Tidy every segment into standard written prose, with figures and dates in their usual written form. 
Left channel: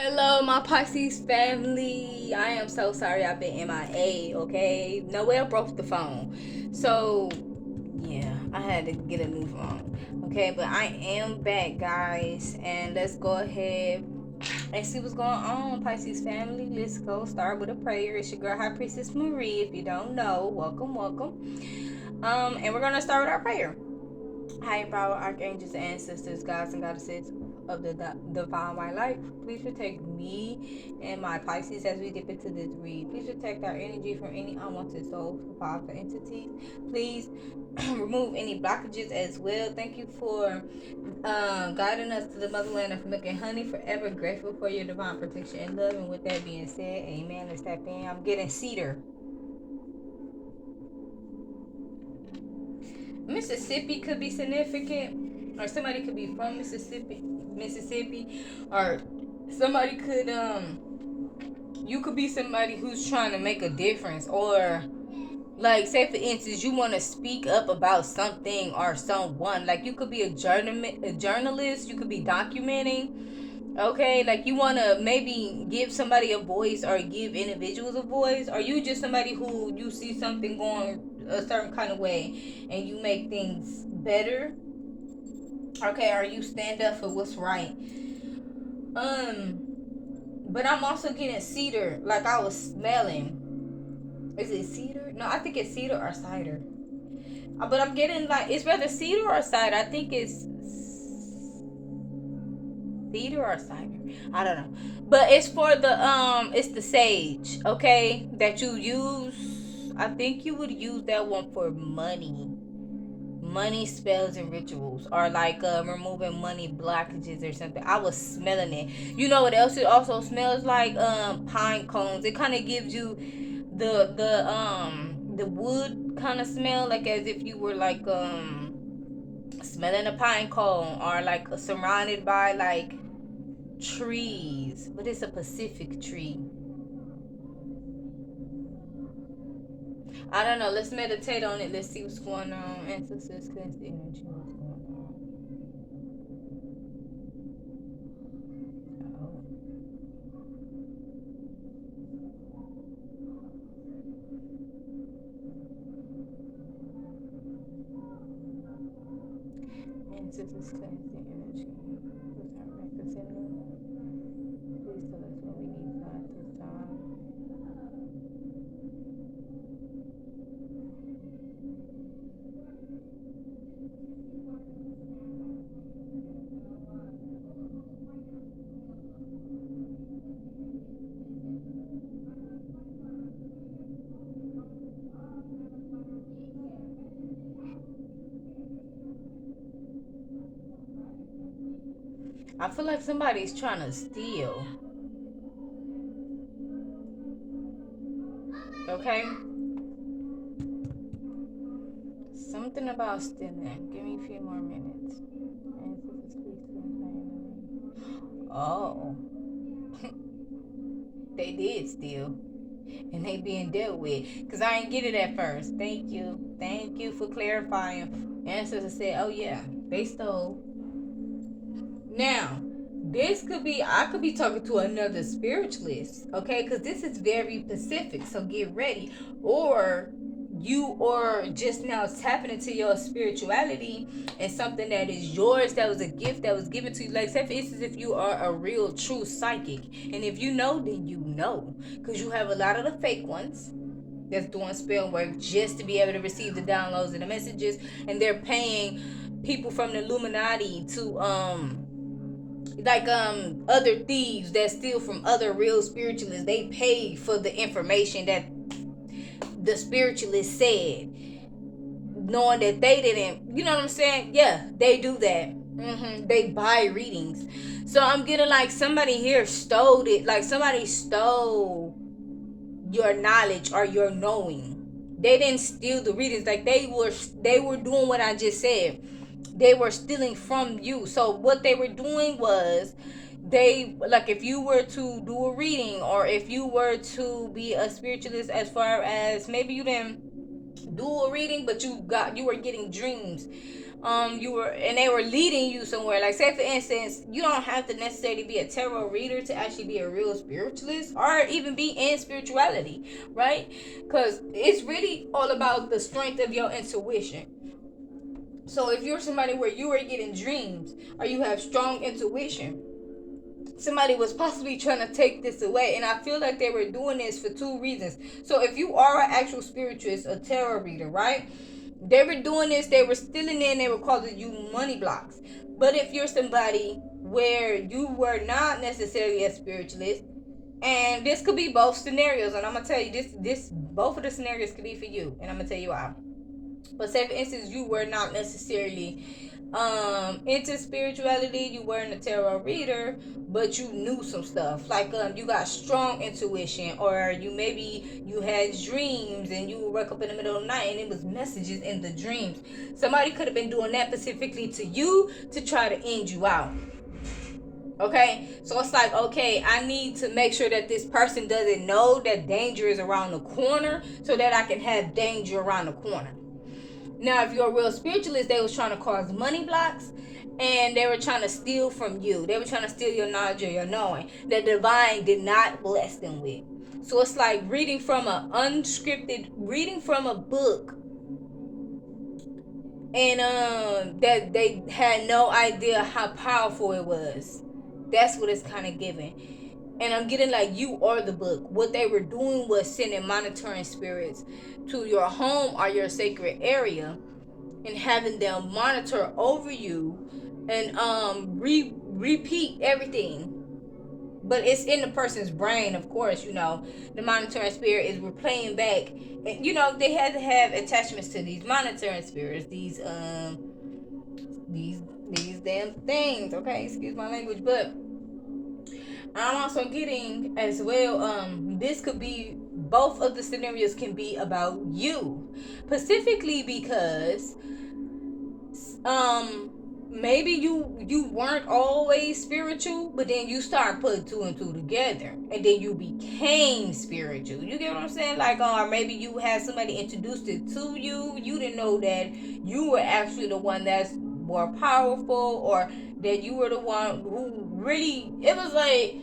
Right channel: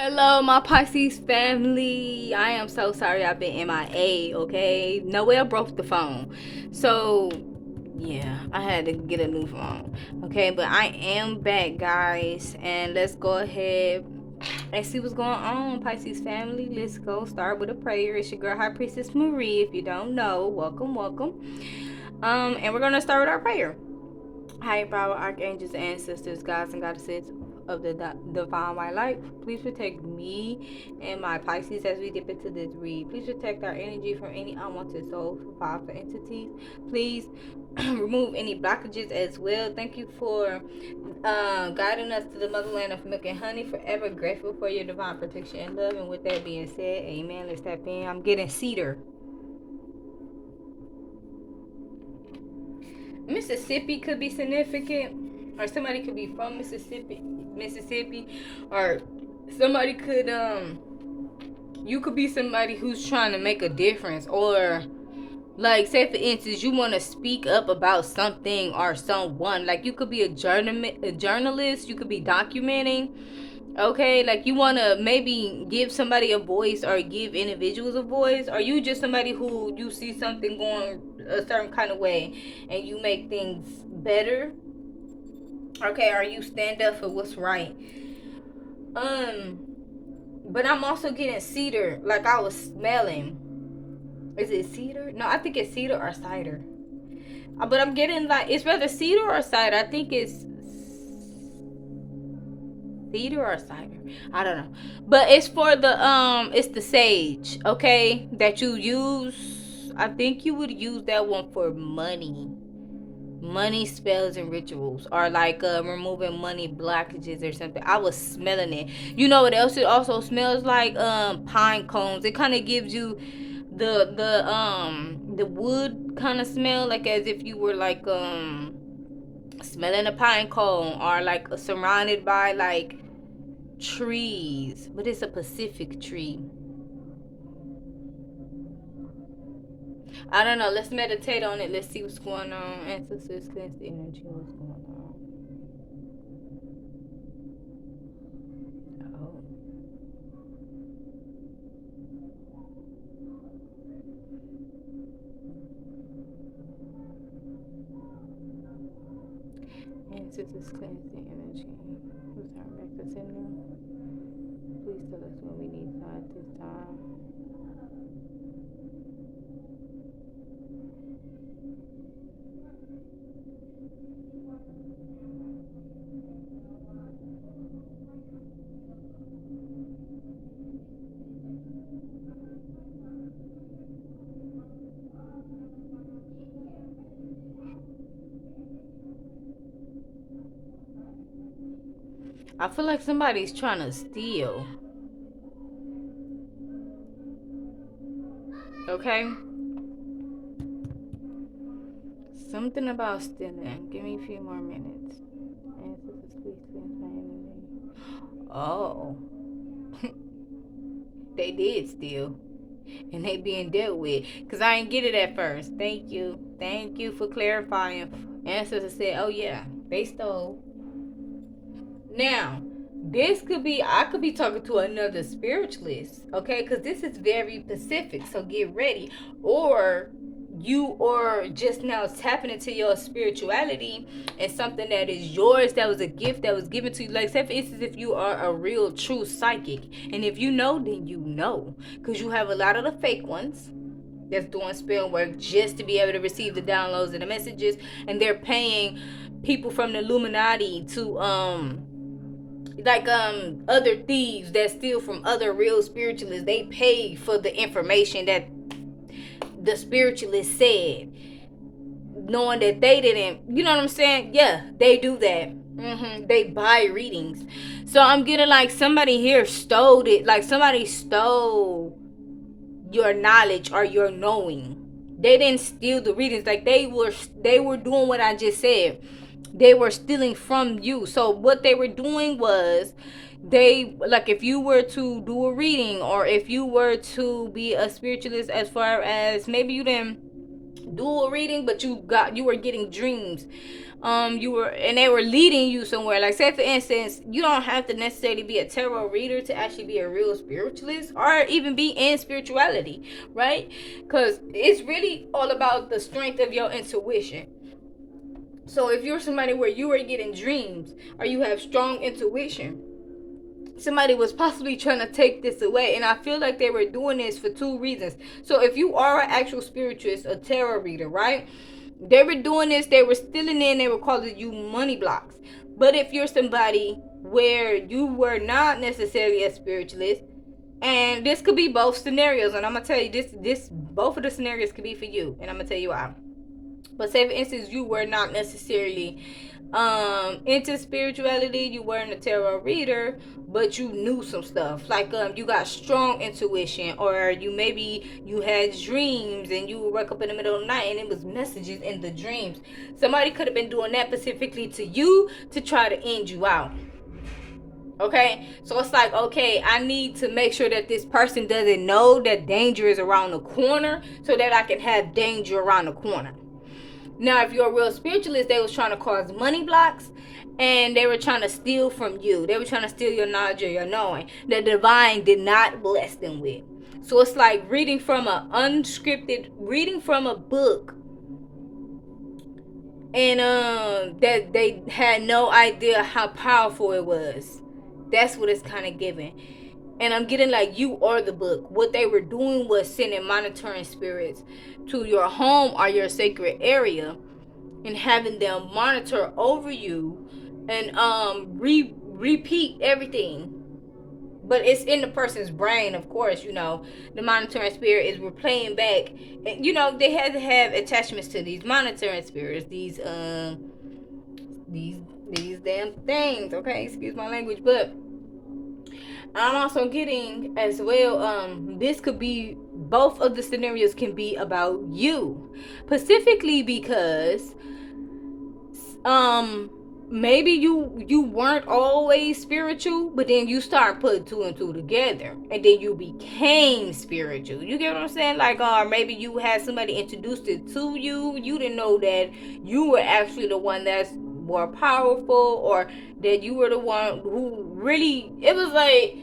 Hello, my Pisces family. I am so sorry I've been MIA, okay? Noelle broke the phone. So, yeah, I had to get a new phone. Okay, but I am back, guys. And let's go ahead and see what's going on, Pisces family. Let's go start with a prayer. It's your girl, High Priestess Marie. If you don't know, welcome, welcome. And we're going to start with our prayer. Higher power, archangels, ancestors, gods, and goddesses of the divine white light, please protect me and my Pisces as we dip into this read. Please protect our energy from any unwanted souls, powerful entities. Please remove any blockages as well. Thank you for guiding us to the motherland of milk and honey. Forever grateful for your divine protection and love. And with that being said, amen. Let's tap in. I'm getting cedar. Mississippi could be significant, or somebody could be from Mississippi, or somebody could you could be somebody who's trying to make a difference, or like say for instance you want to speak up about something or someone. Like you could be a journalist, you could be documenting. Okay, like you want to maybe give somebody a voice or give individuals a voice, or you just somebody who you see something going a certain kind of way and you make things better. Okay, or you stand up for what's right. um but I'm also getting cedar, like I was smelling. Is it cedar? No, I think it's cedar or cider. But I'm getting like it's whether cedar or cider. I think it's cedar or cider. I don't know. But it's for the it's the sage, okay? That you use. I think you would use that one for money. Money spells and rituals, or like removing money blockages or something. I was smelling it. You know what else it also smells like? Pine cones. It kind of gives you the wood kind of smell, like as if you were like smelling a pine cone, or like surrounded by like trees, but it's a Pacific tree. I don't know. Let's meditate on it. Let's see what's going on. Ancestors, cleanse the energy. What's going on? Oh, ancestors, cleanse the energy. Who's our representative? Please tell us what we need God this time. I feel like somebody's trying to steal. Okay? Something about stealing. Give me a few more minutes. Ancestors, please cleanse my energy. Oh, they did steal. And they being dealt with. Because I ain't get it at first. Thank you. Thank you for clarifying. Ancestors said, oh yeah, they stole. Now, this could be, I could be talking to another spiritualist, okay? Because this is very specific, so get ready. Or you are just now tapping into your spirituality and something that is yours, that was a gift that was given to you. Like, say for instance, if you are a real, true psychic, and if you know, then you know. Because you have a lot of the fake ones that's doing spell work just to be able to receive the downloads and the messages, and they're paying people from the Illuminati to like other thieves that steal from other real spiritualists. They pay for the information that the spiritualist said, knowing that they didn't, you know what I'm saying? Yeah, they do that. They buy readings. So I'm getting like somebody here stole it, like somebody stole your knowledge or your knowing. They didn't steal the readings. Like they were doing what I just said. They were stealing from you. So what they were doing was, they, like, if you were to do a reading, or if you were to be a spiritualist, as far as maybe you didn't do a reading but you were getting dreams, you were, and they were leading you somewhere. Like, say for instance, you don't have to necessarily be a tarot reader to actually be a real spiritualist or even be in spirituality, right? Because it's really all about the strength of your intuition. So if you're somebody where you are getting dreams or you have strong intuition, somebody was possibly trying to take this away, and I feel like they were doing this for two reasons. So if you are an actual spiritualist, a tarot reader, right, they were doing this, they were stealing in, they were causing you money blocks. But if you're somebody where you were not necessarily a spiritualist, and this could be both scenarios, and I'm gonna tell you this both of the scenarios could be for you, and I'm gonna tell you why. But say for instance, you were not necessarily into spirituality, you weren't a tarot reader, but you knew some stuff, like you got strong intuition, or you had dreams and you would wake up in the middle of the night and it was messages in the dreams. Somebody could have been doing that specifically to you to try to end you out. Okay, so it's like, okay, I need to make sure that this person doesn't know that danger is around the corner so that I can have danger around the corner. Now, if you're a real spiritualist, they was trying to cause money blocks, and they were trying to steal from you. They were trying to steal your knowledge or your knowing that the divine did not bless them with. So it's like reading from reading from a book, and that they had no idea how powerful it was. That's what it's kind of giving. And I'm getting like, you are the book. What they were doing was sending monitoring spirits to your home or your sacred area and having them monitor over you and repeat everything. But it's in the person's brain, of course. The monitoring spirit is replaying back, and they had to have attachments to these monitoring spirits, these damn things. Okay, excuse my language. But I'm also getting as well, this could be, both of the scenarios can be about you, specifically because maybe you weren't always spiritual, but then you start putting two and two together, and then you became spiritual. You get what I'm saying? Like, or maybe you had somebody introduced it to you. You didn't know that you were actually the one that's more powerful, or that you were the one who really, it was like,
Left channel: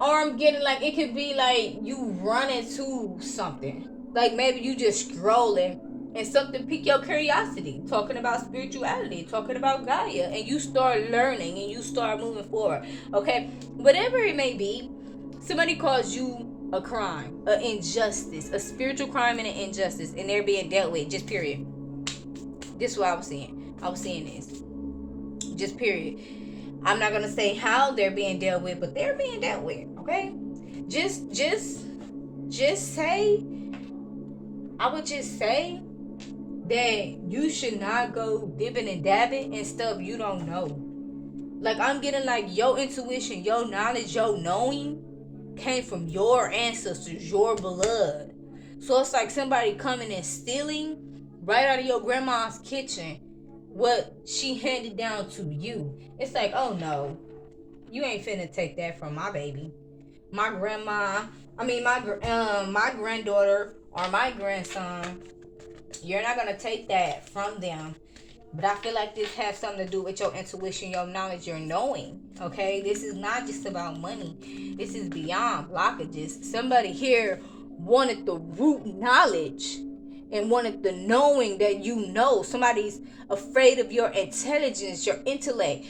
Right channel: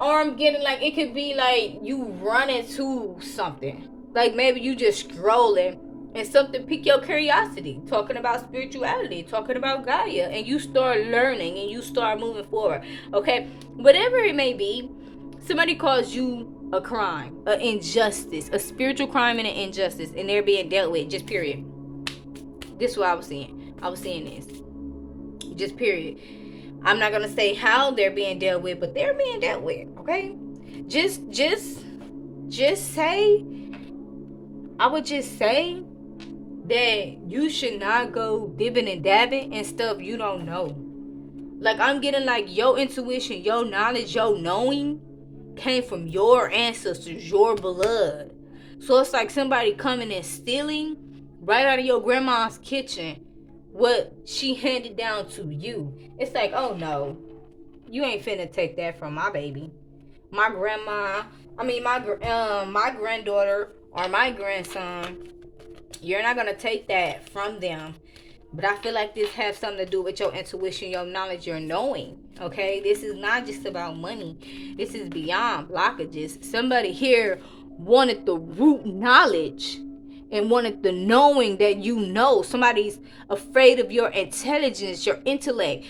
or I'm getting like, it could be like you run into something, like maybe you just scrolling and something pique your curiosity, talking about spirituality, talking about Gaia, and you start learning and you start moving forward. Okay, whatever it may be, somebody calls you a crime, an injustice, a spiritual crime and an injustice, and they're being dealt with, just period. This is what I was seeing. This, just period. I'm not gonna say how they're being dealt with, but they're being dealt with. Okay, just say, I would just say that you should not go dibbing and dabbing and stuff you don't know. Like, I'm getting like your intuition, your knowledge, your knowing came from your ancestors, your blood. So it's like somebody coming and stealing right out of your grandma's kitchen what she handed down to you. It's like, oh no, you ain't finna take that from my baby. My grandma, my granddaughter or my grandson, you're not gonna take that from them. But I feel like this has something to do with your intuition, your knowledge, your knowing. Okay, this is not just about money. This is beyond blockages. Somebody here wanted the root knowledge and wanted the knowing that you know. Somebody's afraid of your intelligence, your intellect,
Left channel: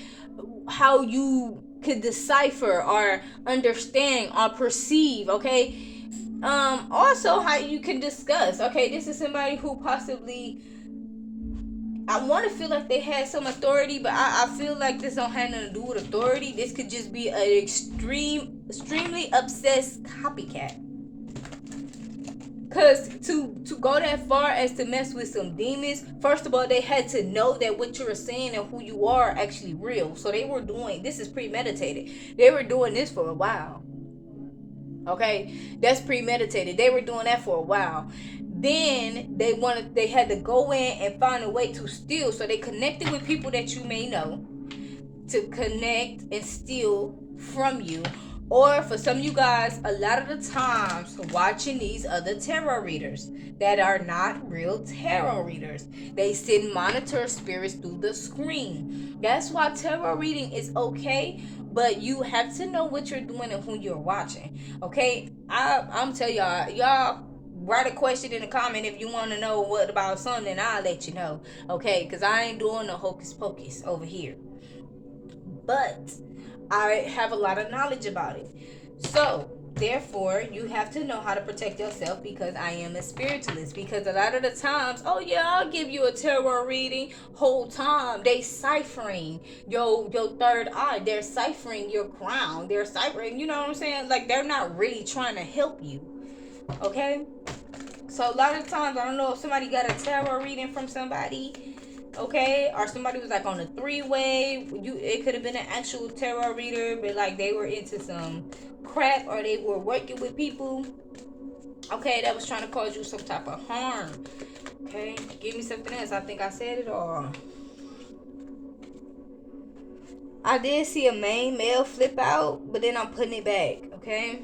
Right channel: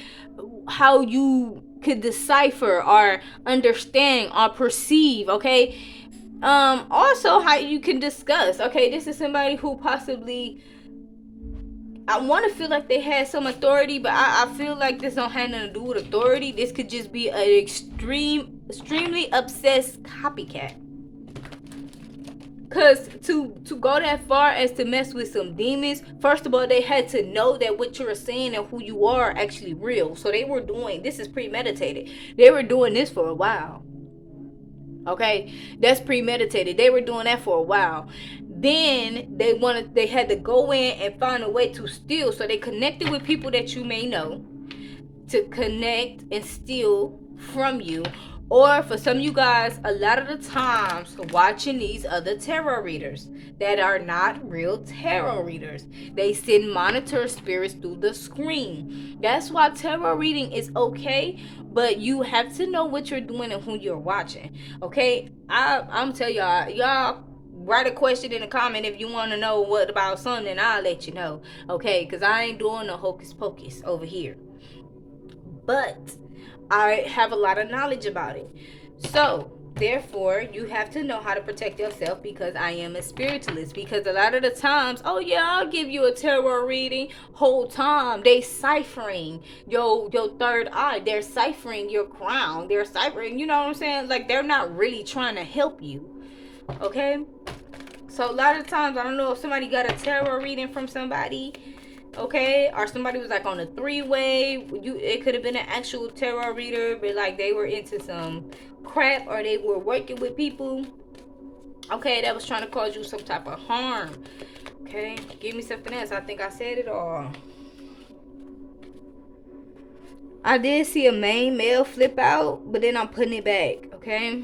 how you could decipher or understand or perceive. Okay, also how you can discuss. Okay, this is somebody who possibly, I want to feel like they had some authority, but I feel like this don't have nothing to do with authority. This could just be an extremely obsessed copycat. Because to go that far as to mess with some demons, first of all, they had to know that what you're saying and who you are actually real. So they were doing, this is premeditated. They were doing this for a while. Okay, that's premeditated. They were doing that for a while. Then they had to go in and find a way to steal. So they connected with people that you may know to connect and steal from you. Or for some of you guys, a lot of the times watching these other tarot readers that are not real tarot readers. They send monitor spirits through the screen. That's why tarot reading is okay, but you have to know what you're doing and who you're watching. Okay? I'm telling y'all write a question in the comment if you want to know what about something, I'll let you know. Okay? Because I ain't doing no hocus pocus over here. But I have a lot of knowledge about it. So, therefore, you have to know how to protect yourself because I am a spiritualist. Because a lot of the times, oh yeah, I'll give you a tarot reading. Whole time they ciphering your third eye. They're ciphering your crown. They're ciphering. You know what I'm saying? Like they're not really trying to help you. Okay. So a lot of times, I don't know if somebody got a tarot reading from somebody, okay, or somebody was like on a three-way. It could have been an actual tarot reader, but like they were into some crap, or they were working with people, okay, that was trying to cause you some type of harm. Okay, give me something else. I think I said it all. I did see a main male flip out, but then I'm putting it back. Okay,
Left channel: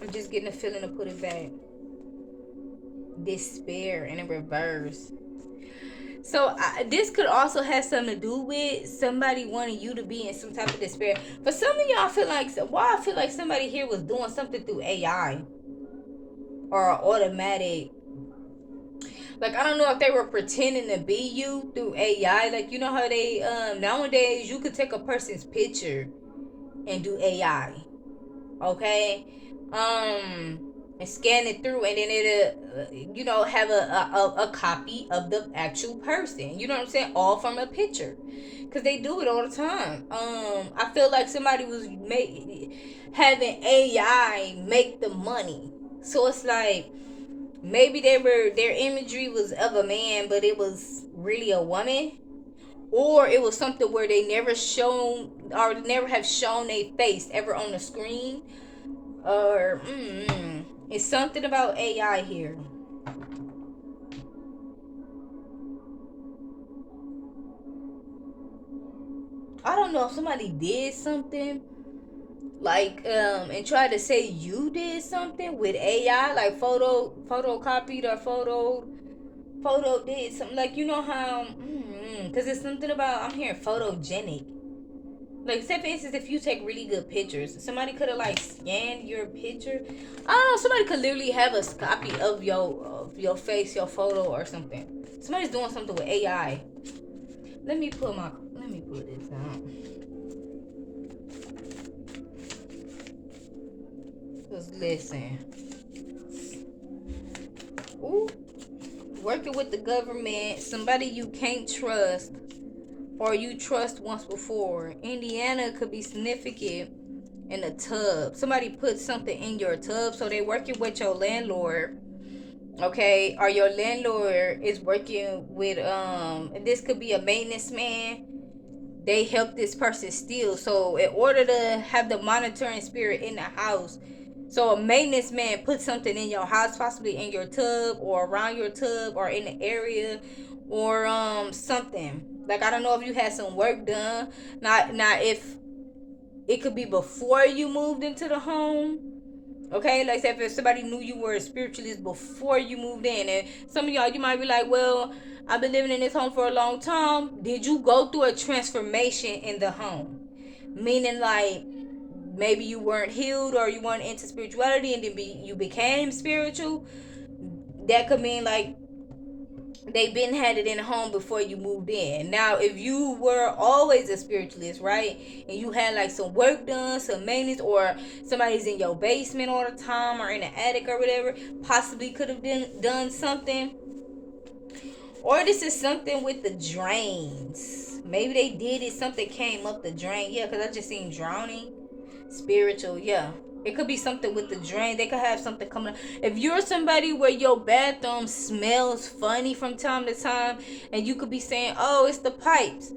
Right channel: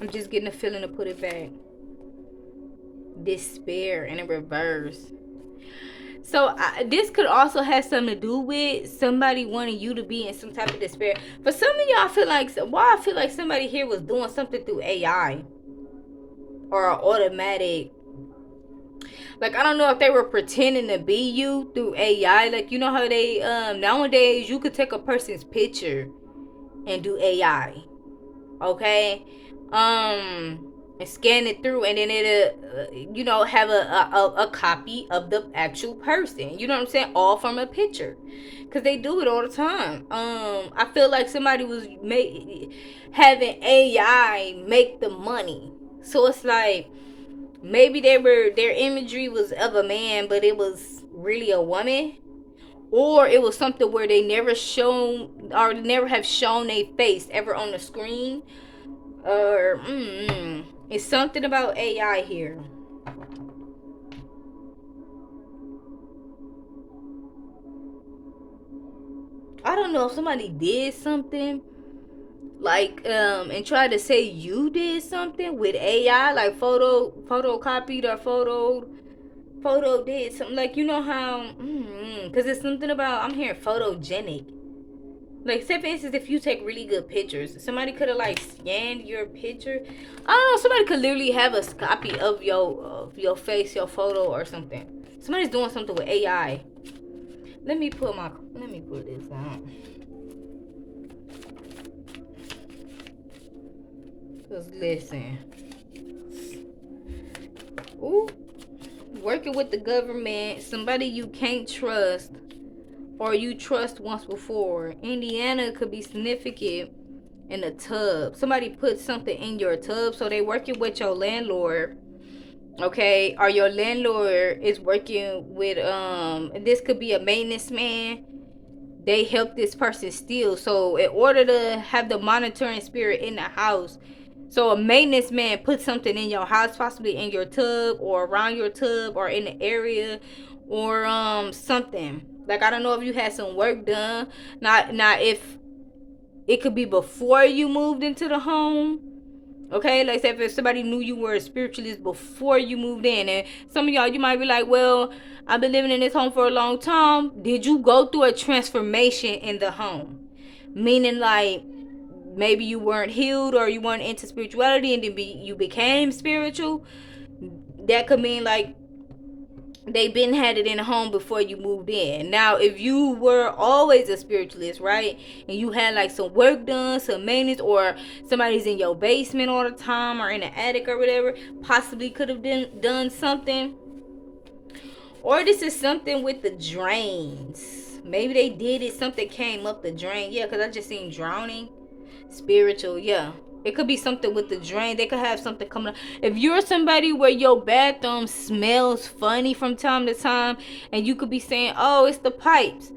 I'm just getting a feeling to put it back. Despair in a reverse. So this could also have something to do with somebody wanting you to be in some type of despair. For some of y'all, I feel like somebody here was doing something through AI or automatic. Like I don't know if they were pretending to be you through AI. Like you know how they nowadays you could take a person's picture and do AI. Okay, and scan it through, and then it'll have a copy of the actual person. You know what I'm saying? All from a picture, because they do it all the time. I feel like somebody was having AI make the money, so it's like maybe their imagery was of a man, but it was really a woman. Or it was something where they never shown or never have shown a face ever on the screen, or it's something about AI here. I don't know if somebody did something like and tried to say you did something with AI, like photocopied or photo did something, like you know how because it's something about, I'm hearing photogenic. Like, say for instance, if you take really good pictures, somebody could have like scanned your picture. I don't know. Somebody could literally have a copy of your face, your photo, or something. Somebody's doing something with AI. Let me pull this out. Cause listen, ooh, working with the government, somebody you can't trust, or you trust once before. Indiana could be significant in a tub. Somebody put something in your tub, so they working with your landlord, okay? Or your landlord is working with this could be a maintenance man. They help this person steal. So in order to have the monitoring spirit in the house, so a maintenance man put something in your house, possibly in your tub or around your tub or in the area, or something. Like I don't know if you had some work done. Not if it could be before you moved into the home. Okay, like say if somebody knew you were a spiritualist before you moved in, and some of y'all, you might be like, well, I've been living in this home for a long time. Did you go through a transformation in the home? Meaning like maybe you weren't healed or you weren't into spirituality and then you became spiritual. That could mean like they been had it in a home before you moved in. Now if you were always a spiritualist, right, and you had like some work done, some maintenance, or somebody's in your basement all the time or in the attic or whatever, possibly could have done something. Or this is something with the drains. Maybe they did it, something came up the drain. Yeah, because I just seen drowning. Spiritual, yeah. It could be something with the drain. They could have something coming up. If you're somebody where your bathroom smells funny from time to time, and you could be saying, oh, it's the pipes.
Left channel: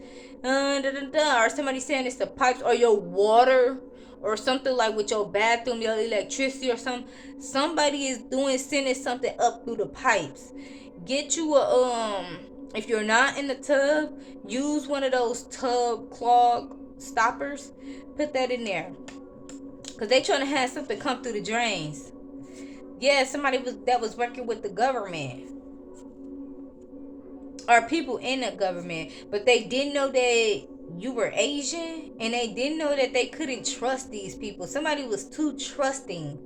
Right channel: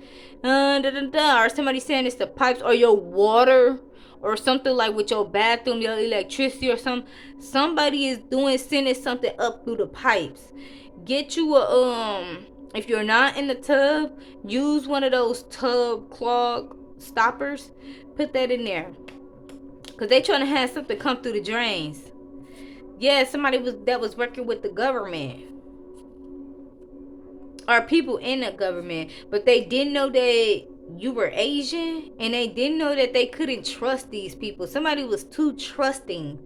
Or somebody saying it's the pipes, or your water, or something like with your bathroom, your electricity or something. Somebody is sending something up through the pipes. Get you a if you're not in the tub, use one of those tub clog stoppers. Put that in there. Because they trying to have something come through the drains. Yeah, somebody was working with the government. Or people in the government. But they didn't know that you were Asian. And they didn't know that they couldn't trust these people. Somebody was too trusting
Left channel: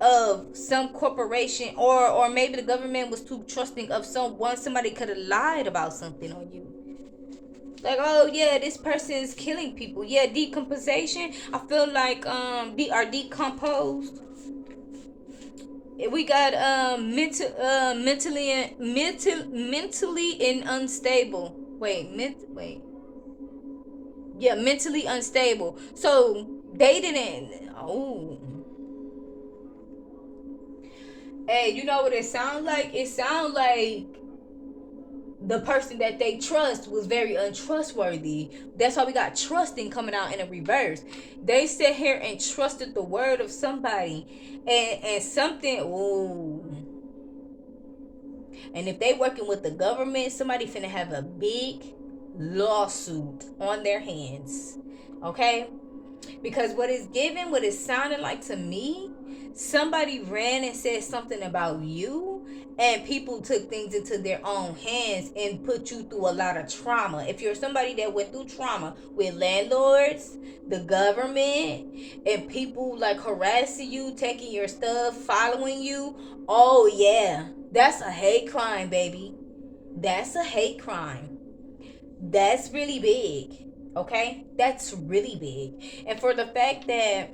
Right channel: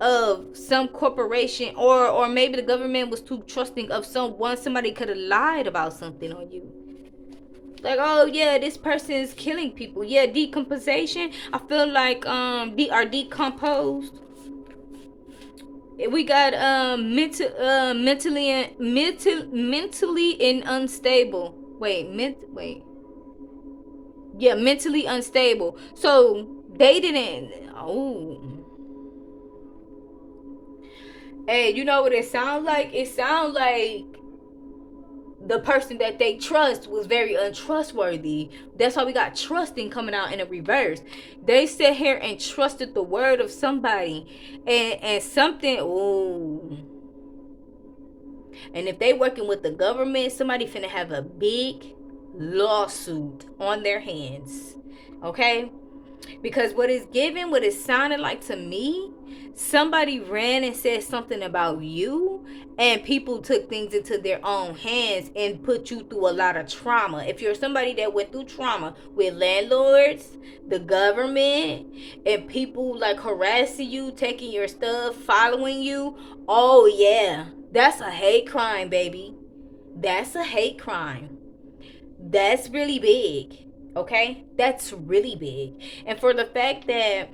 of some corporation, or maybe the government was too trusting of someone. Somebody could have lied about something on you, like, oh yeah, this person is killing people. Yeah, decomposition. I feel like are decomposed. We got mentally and unstable. Wait, yeah, mentally unstable. So they didn't. Oh, hey, you know what it sounds like? It sounds like the person that they trust was very untrustworthy. That's why we got trusting coming out in a reverse. They sit here and trusted the word of somebody, and something. Ooh. And if they working with the government, somebody finna have a big lawsuit on their hands. Okay? Because what it's giving, what it sounded like to me, somebody ran and said something about you, and people took things into their own hands and put you through a lot of trauma. If you're somebody that went through trauma with landlords, the government, and people like harassing you, taking your stuff, following you, oh yeah, that's a hate crime, baby. That's a hate crime. That's really big. Okay? That's really big. And for the fact that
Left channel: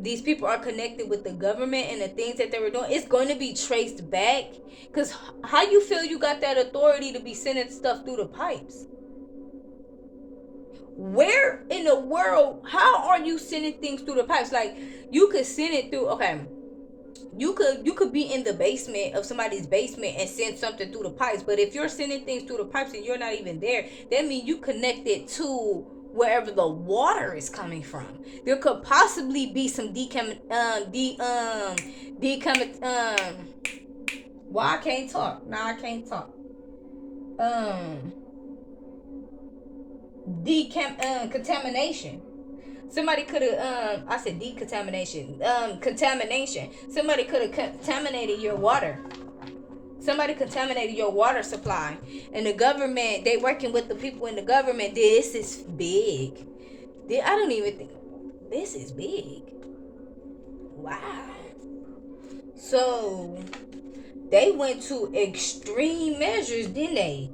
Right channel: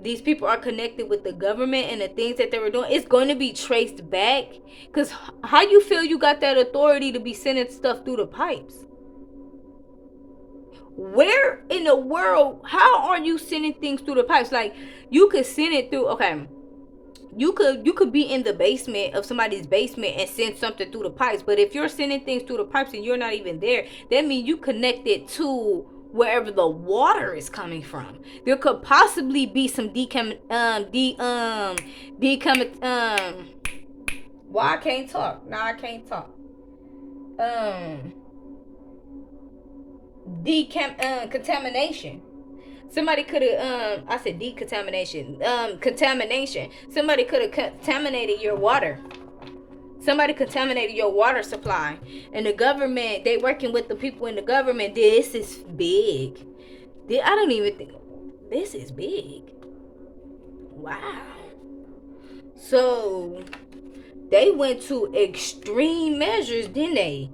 these people are connected with the government and the things that they were doing, it's going to be traced back. Because how you feel you got that authority to be sending stuff through the pipes? Where in the world, how are you sending things through the pipes? Like, you could send it through, okay, you could be in the basement of somebody's basement and send something through the pipes. But if you're sending things through the pipes and you're not even there, that means you connected to wherever the water is coming from. There could possibly be some why I can't talk. Now I can't talk. Um Contamination. Somebody could have I said decontamination. Contamination. Somebody could have contaminated your water. Somebody contaminated your water supply. And the government, they working with the people in the government. This is big. I don't even think this is big. Wow. So they went to extreme measures, didn't they?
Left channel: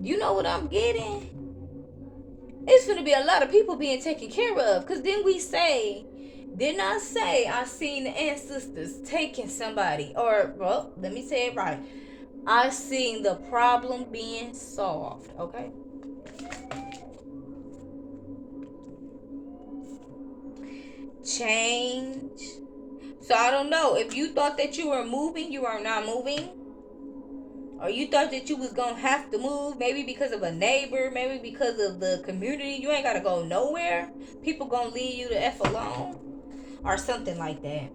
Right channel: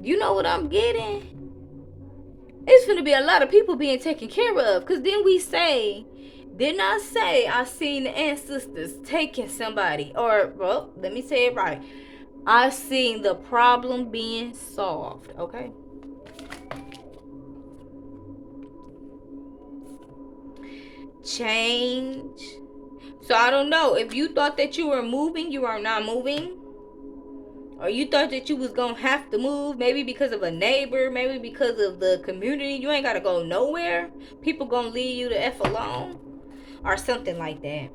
You know what I'm getting? It's gonna be a lot of people being taken care of. Cause didn't I say I seen the ancestors taking somebody? Or, well, let me say it right. I seen the problem being solved. Okay. Change. So I don't know. If you thought that you were moving, you are not moving. Or you thought that you was gonna have to move, maybe because of a neighbor, maybe because of the community. You ain't gotta go nowhere. People gonna leave you the F alone. Or something like that.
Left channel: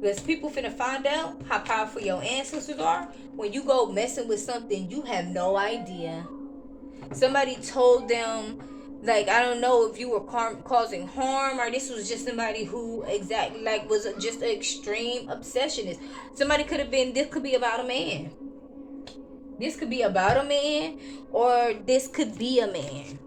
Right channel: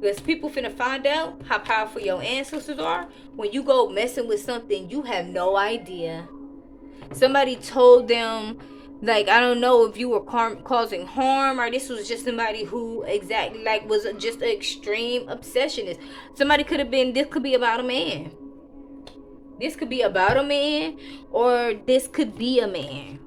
Because people finna find out how powerful your ancestors are when you go messing with something you have no idea. Somebody told them, like, I don't know if you were causing harm, or this was just somebody who exactly like was just an extreme obsessionist. Somebody could have been, this could be about a man. This could be about a man, or this could be a man.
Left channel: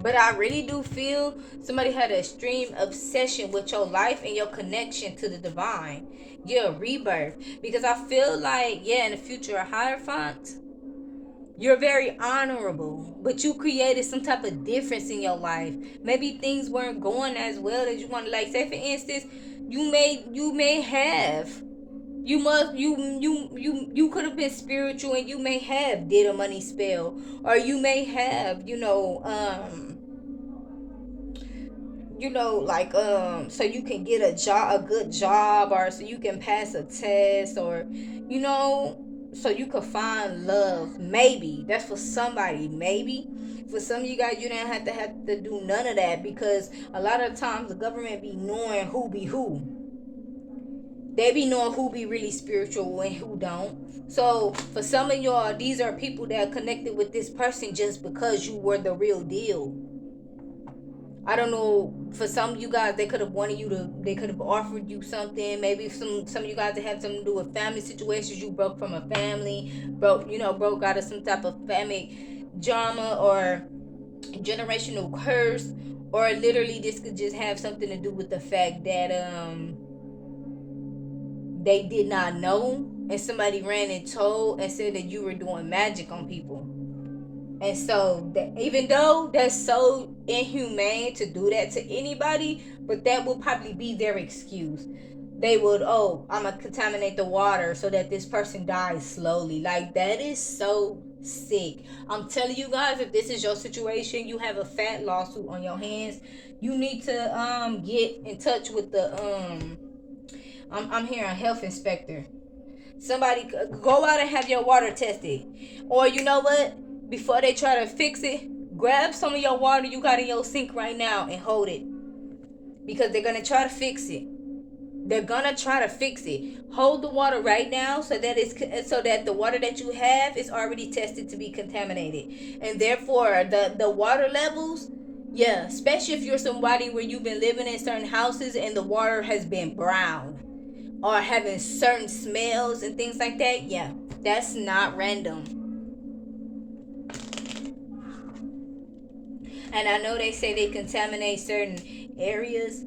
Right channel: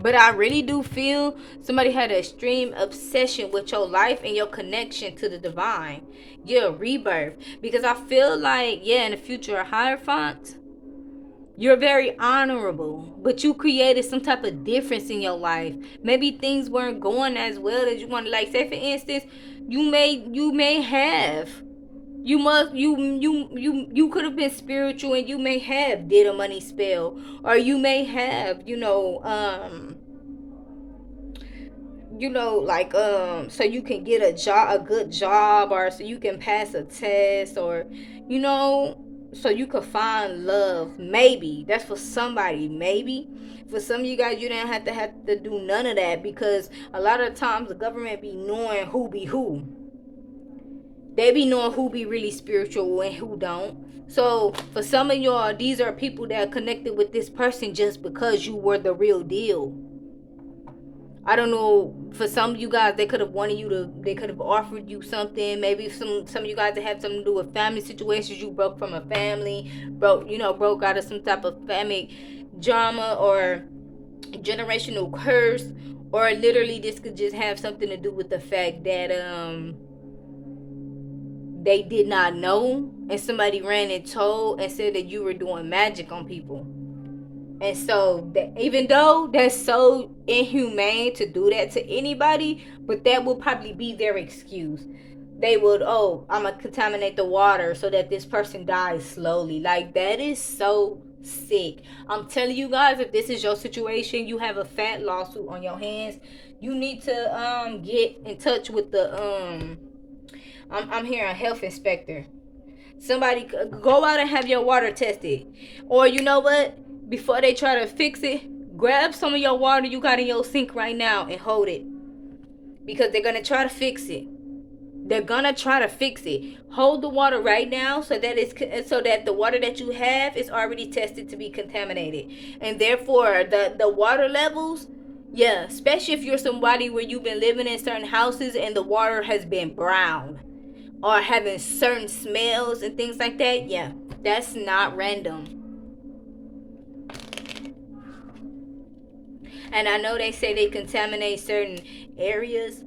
But I really do feel somebody had an extreme obsession with your life and your connection to the divine. Your rebirth. Because I feel like, yeah, in the future of Hierophant, you're very honorable, but you created some type of difference in your life. Maybe things weren't going as well as you wanted. Like, say for instance, you may have, you could have been spiritual, and you may have did a money spell, or you may have, like, so you can get a good job, or so you can pass a test, or so you could find love. Maybe that's for somebody. Maybe for some of you guys, you didn't have to do none of that, because a lot of times the government be knowing who be who. They be knowing who be really spiritual and who don't. So for some of y'all, these are people that are connected with this person just because you were the real deal. I don't know. For some of you guys, they could have wanted you to. They could have offered you something. Maybe some of you guys that had something to do with family situations. You broke from a family, broke out of some type of family drama or generational curse, or literally this could just have something to do with the fact that they did not know, and somebody ran and told and said that you were doing magic on people. And so, even though that's so inhumane to do that to anybody, but that will probably be their excuse. They would, oh, I'm gonna contaminate the water so that this person dies slowly. Like, that is so sick. I'm telling you guys, if this is your situation, you have a fat lawsuit on your hands. You need to get in touch with the I'm here a health inspector. Somebody go out and have your water tested. Or you know what? Before they try to fix it, grab some of your water you got in your sink right now and hold it. Because they're going to try to fix it. They're going to try to fix it. Hold the water right now so that the water that you have is already tested to be contaminated. And therefore the water levels, yeah, especially if you're somebody where you've been living in certain houses and the water has been brown or having certain smells and things like that, yeah, that's not random. And I know they say they contaminate certain areas.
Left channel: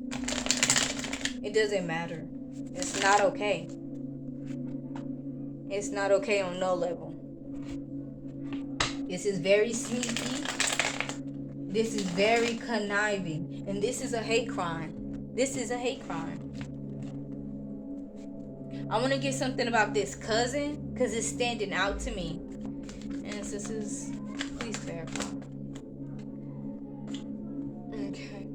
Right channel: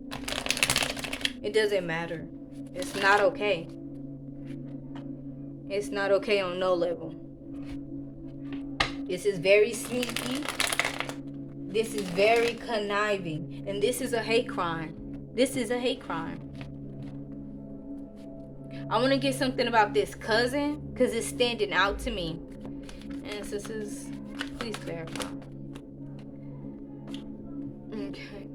It doesn't matter. It's not okay. It's not okay on no level. This is very sneaky. This is very conniving. And this is a hate crime. This is a hate crime. I want to get something about this cousin because it's standing out to me. And this is, please clarify. Okay.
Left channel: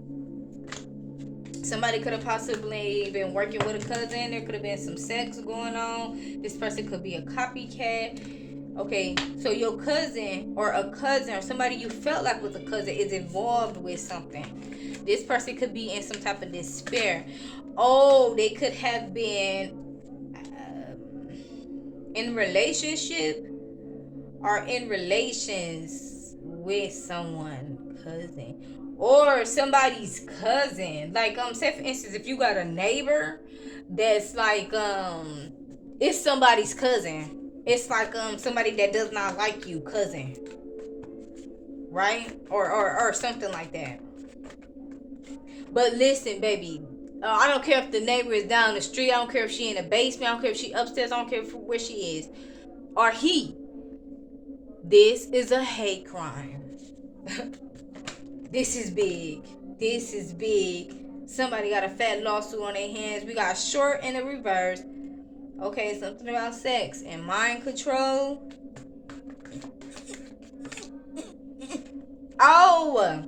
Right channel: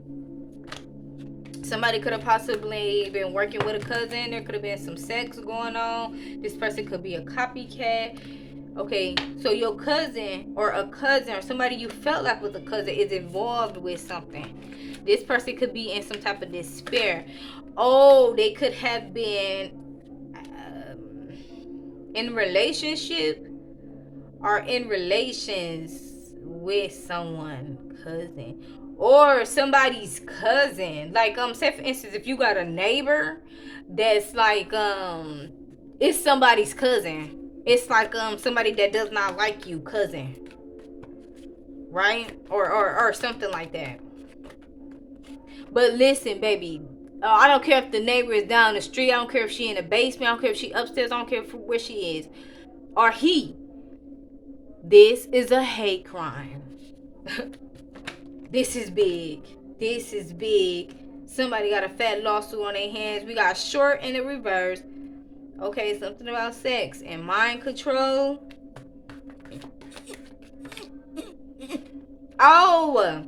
Somebody could have possibly been working with a cousin. There could have been some sex going on. This person could be a copycat. Okay, so your cousin or a cousin or somebody you felt like was a cousin is involved with something. This person could be in some type of despair. Oh, they could have been in relationship or in relations with someone, cousin, or somebody's cousin. Like say for instance, if you got a neighbor that's like it's somebody's cousin. It's like somebody that does not like you, cousin. Right? Or something like that. But listen, baby, I don't care if the neighbor is down the street. I don't care if she in the basement. I don't care if she upstairs. I don't care where she is. Or he. This is a hate crime. This is big. This is big. Somebody got a fat lawsuit on their hands. We got short in the reverse. Okay, something about sex and mind control. Oh,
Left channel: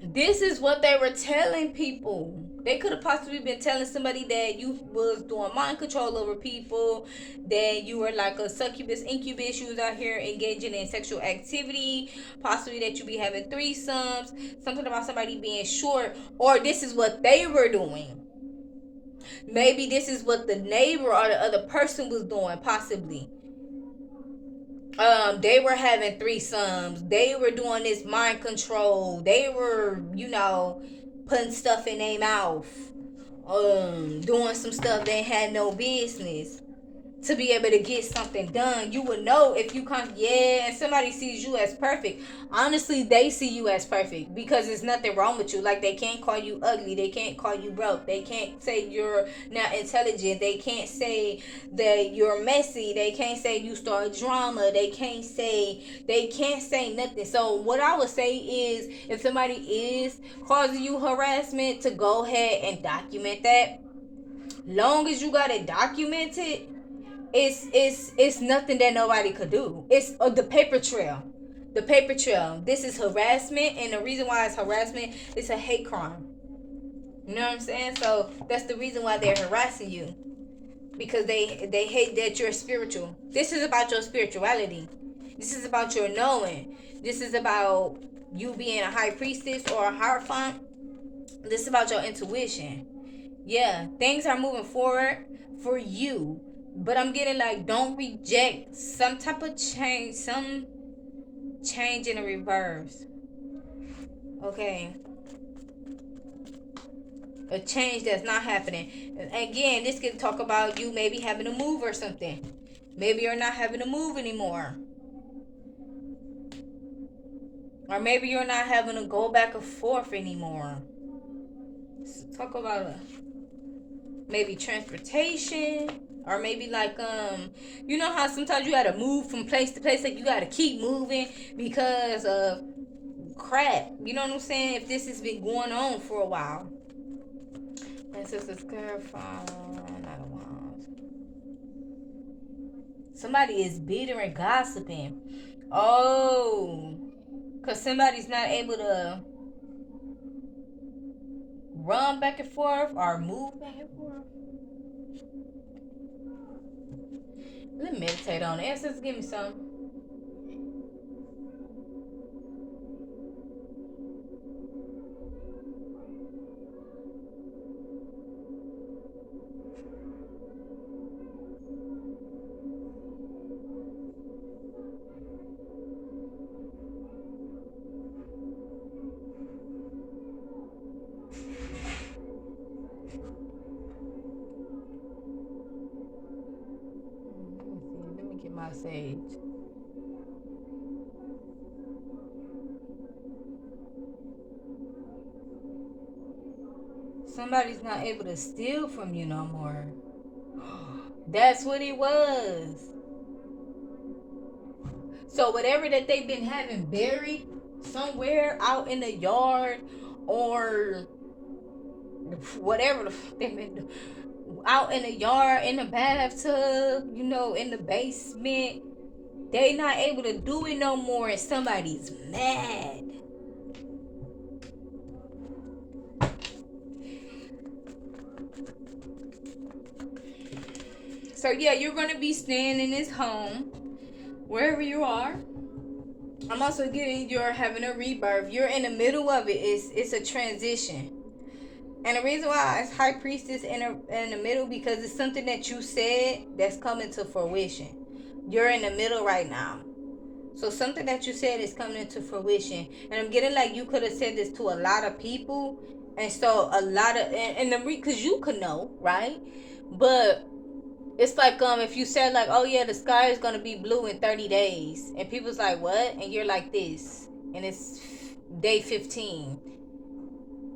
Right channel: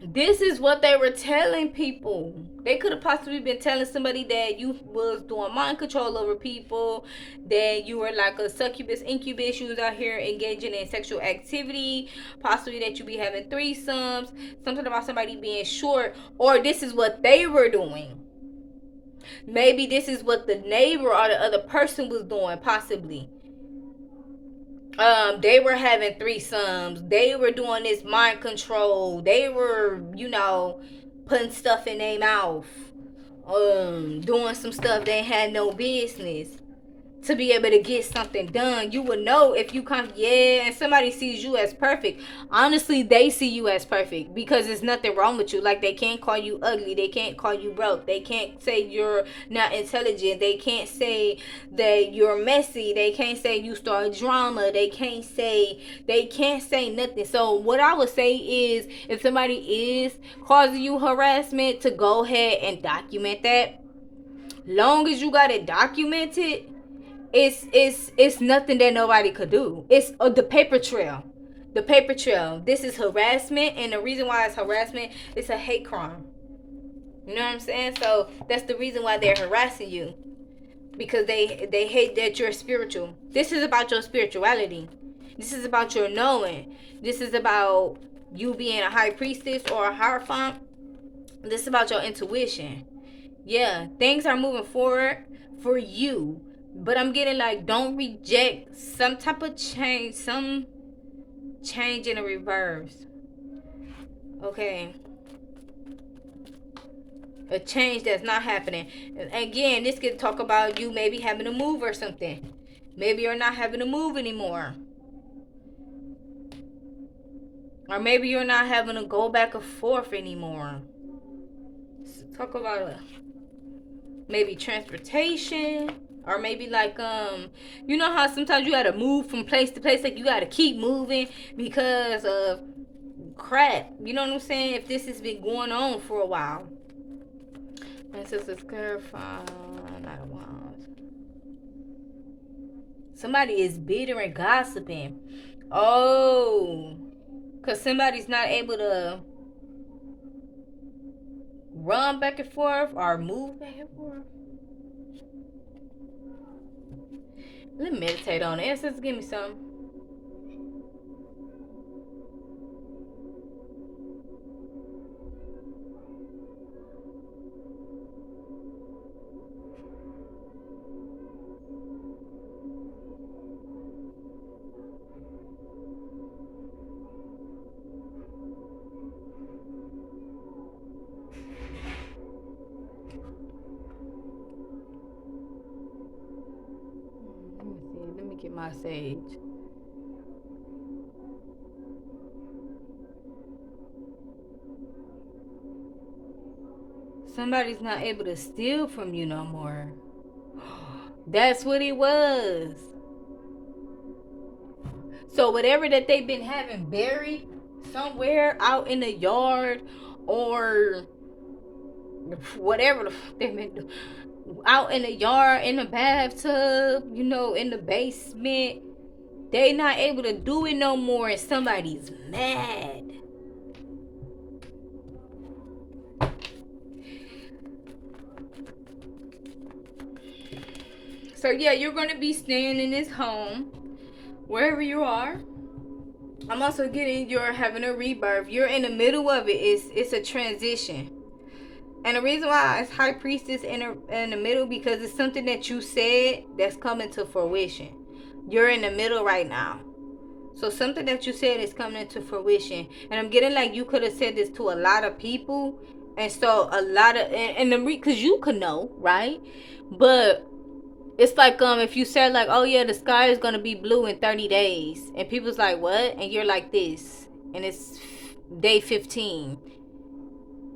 this is what they were telling people. They could have possibly been telling somebody that you was doing mind control over people, that you were like a succubus, incubus, you was out here engaging in sexual activity, possibly that you be having threesomes, something about somebody being short, or this is what they were doing. Maybe this is what the neighbor or the other person was doing, possibly. They were having threesomes. They were doing this mind control. They were, putting stuff in their mouth. Doing some stuff they had no business to be able to get something done. You would know if you come, and somebody sees you as perfect. Honestly, they see you as perfect because there's nothing wrong with you. Like, they can't call you ugly. They can't call you broke. They can't say you're not intelligent. They can't say that you're messy. They can't say you start drama. They can't say nothing. So what I would say is, if somebody is causing you harassment, to go ahead and document that. Long as you got it documented, it's nothing that nobody could do. It's the paper trail. The paper trail. This is harassment, and the reason why it's harassment, it's a hate crime. You know what I'm saying? So that's the reason why they're harassing you, because they hate that you're spiritual. This is about your spirituality. This is about your knowing. This is about you being a high priestess or a hierophant. This is about your intuition. Yeah, things are moving forward for you. But I'm getting like, don't reject some type of change, some change in the reverse. Okay. A change that's not happening. And again, this could talk about you maybe having to move or something. Maybe you're not having to move anymore. Or maybe you're not having to go back and forth anymore. Talk about maybe transportation, or maybe like you know how sometimes you gotta move from place to place, like you gotta keep moving because of crap, you know what I'm saying, if this has been going on for a while. And sisters clarify, not a while. Somebody is bitter and gossiping. Oh, because somebody's not able to run back and forth or move back and forth. Let me meditate on it. Ancestors, give me some. Let me see. Let me get my sage. Somebody's not able to steal from you no more. That's what it was. So whatever that they've been having buried somewhere out in the yard, or whatever they've been doing, out in the yard, in the bathtub, you know, in the basement, they not able to do it no more, and somebody's mad. So yeah, you're gonna be staying in this home wherever you are. I'm also getting you're having a rebirth. You're in the middle of it. It's a transition. And the reason why it's high priestess in the middle, because it's something that you said that's coming to fruition. You're in the middle right now. So something that you said is coming into fruition. And I'm getting like you could have said this to a lot of people. And so a lot of and the because you could know, right? But it's like if you said like, oh yeah, the sky is gonna be blue in 30 days, and people's like, what? And you're like this, and it's day 15,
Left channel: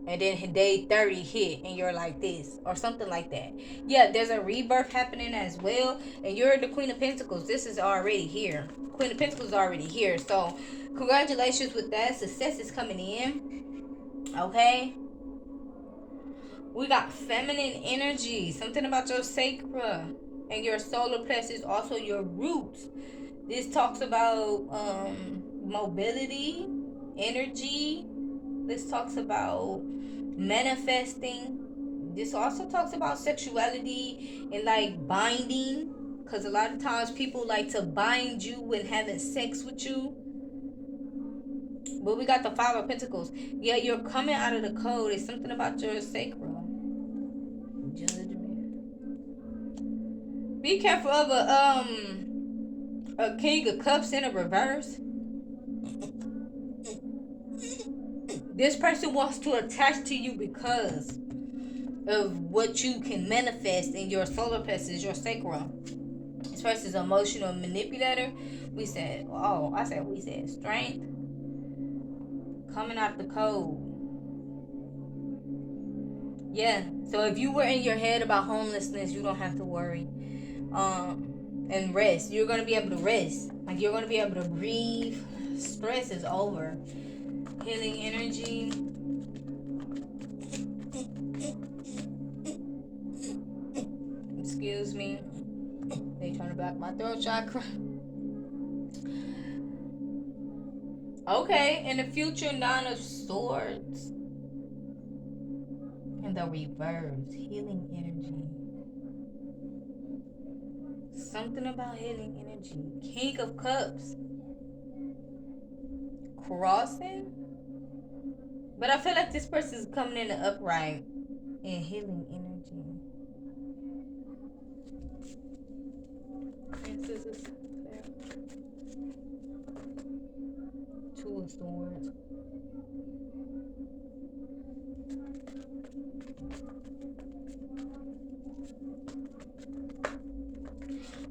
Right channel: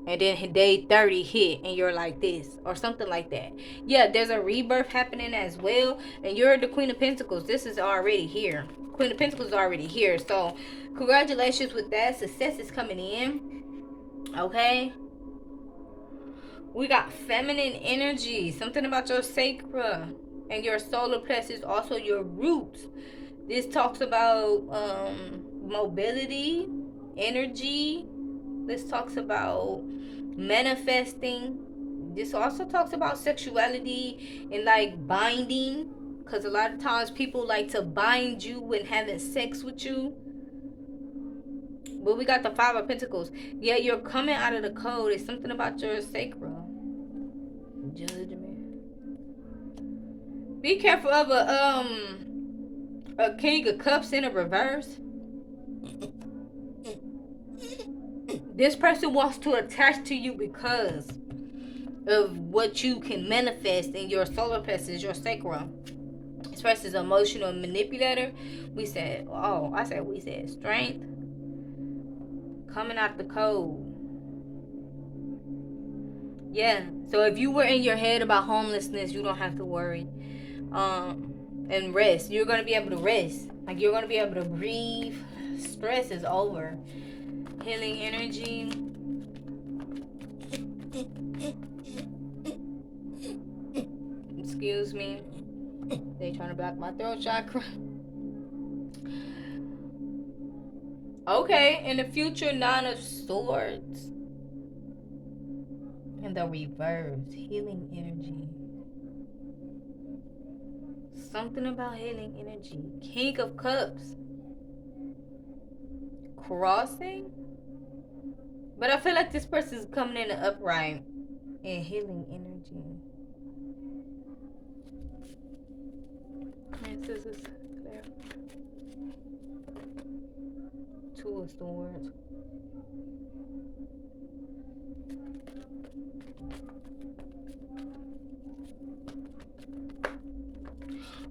and then day 30 hit, and you're like this, or something like that. Yeah, there's a rebirth happening as well, and you're the Queen of Pentacles. This is already here. Queen of Pentacles is already here. So congratulations with that. Success is coming in. Okay. We got feminine energy, something about your sacra and your solar plexus, also your roots. This talks about mobility, energy. This talks about manifesting. This also talks about sexuality and like binding, because a lot of times people like to bind you when having sex with you. But we got the Five of Pentacles. Yeah, you're coming out of the code. It's something about your sacra. Judgment. Be careful of a King of Cups in a reverse. This person wants to attach to you because of what you can manifest in your solar plexus, your sacrum. This person's emotional manipulator. We said, oh, I said we said strength coming out the code. Yeah. So if you were in your head about homelessness, you don't have to worry. And rest. You're gonna be able to rest. Like you're gonna be able to breathe. Stress is over. Healing energy. Excuse me. They trying to block my throat chakra. Okay, in the future, Nine of Swords. And the reverse, healing energy. Something about healing energy. King of Cups. Crossing. But I feel like this person's coming in the upright and healing energy. energy. Princess is clear. Two of Swords.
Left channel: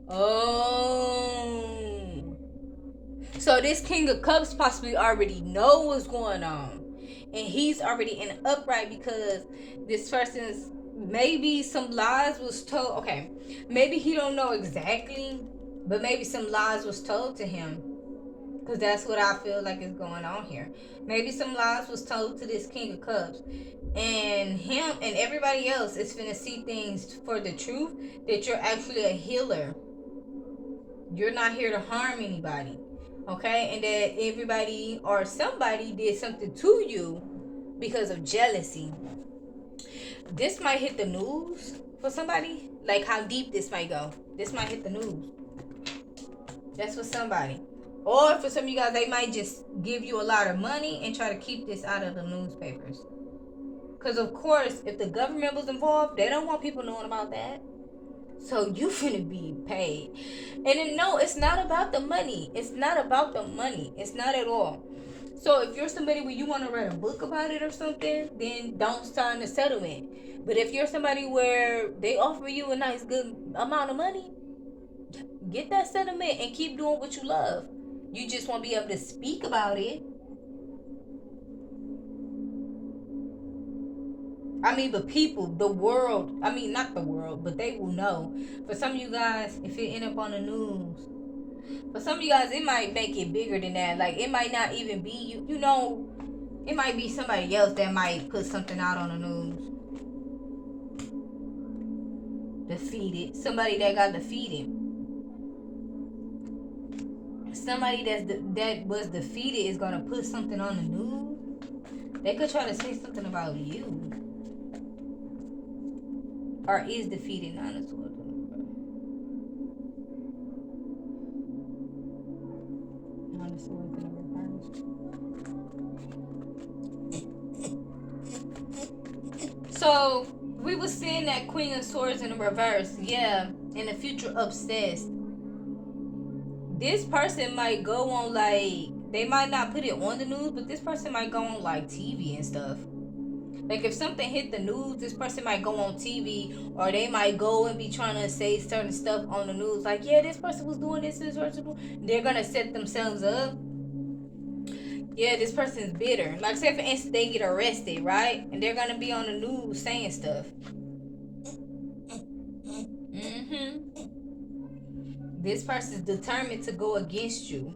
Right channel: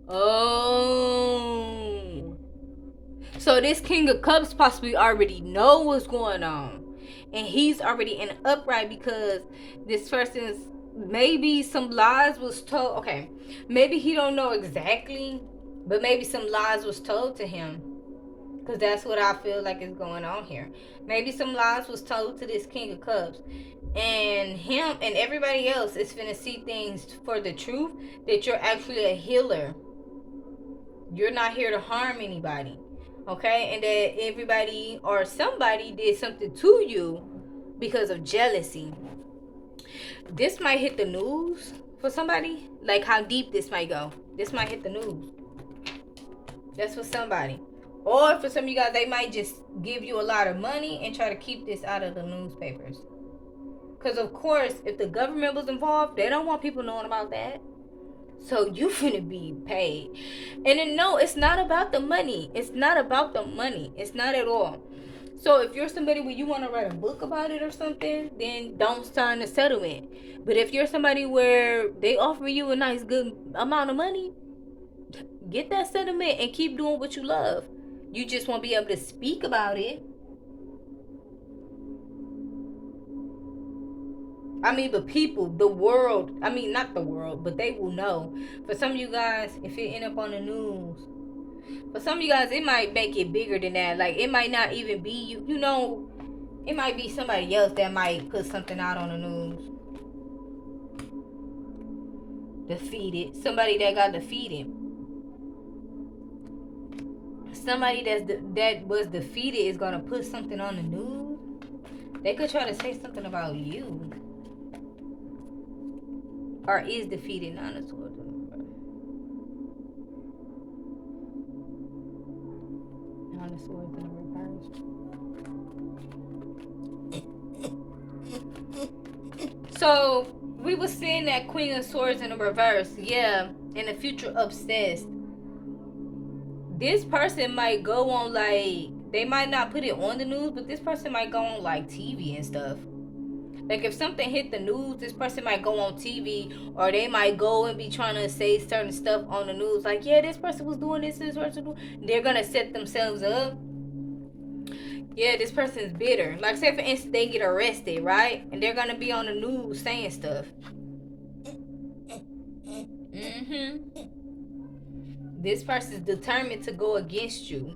Oh. So this King of Cups possibly already know what's going on. And he's already in an upright because this person's maybe some lies was told. Okay. Maybe he don't know exactly, but maybe some lies was told to him. Because that's what I feel like is going on here. Maybe some lies was told to this King of Cups. And him and everybody else is finna see things for the truth that you're actually a healer. You're not here to harm anybody. Okay? And that everybody or somebody did something to you because of jealousy. This might hit the news for somebody. Like how deep this might go. This might hit the news. That's for somebody. Or for some of you guys, they might just give you a lot of money and try to keep this out of the newspapers. Because, of course, if the government was involved, they don't want people knowing about that. So you finna be paid. And then, no, it's not about the money. It's not about the money. It's not at all. So if you're somebody where you want to write a book about it or something, then don't sign the settlement. But if you're somebody where they offer you a nice, good amount of money, get that settlement and keep doing what you love. You just won't be able to speak about it. I mean, the people, the world, I mean, not the world, but they will know. For some of you guys, if it end up on the news, for some of you guys, it might make it bigger than that. Like, it might not even be you. You know, it might be somebody else that might put something out on the news. Defeated. Somebody that got defeated. Somebody that was defeated is going to put something on the news. They could try to say something about you. Or is defeated, not a sword. Not a sword in reverse. So we was seeing that Queen of Swords in the reverse. Yeah, in the future obsessed. This person might go on like, they might not put it on the news, but this person might go on like TV and stuff. Like if something hit the news, this person might go on TV, or they might go and be trying to say certain stuff on the news. Like, yeah, this person was doing this person. They're gonna set themselves up. Yeah, this person's bitter. Like, say for instance, they get arrested, right? And they're gonna be on the news saying stuff. This person's determined to go against you.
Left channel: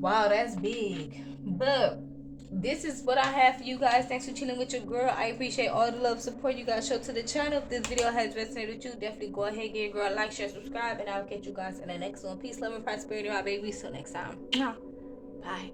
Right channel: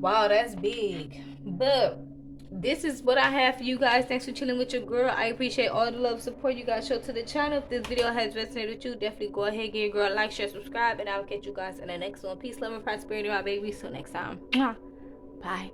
Wow, that's big. But this is what I have for you guys. Thanks for chilling with your girl. I appreciate all the love support you guys show to the channel. If this video has resonated with you, definitely go ahead, give your girl a like, share, subscribe, and I'll catch you guys in the next one. Peace, love, and prosperity, my baby. Till next time. Bye.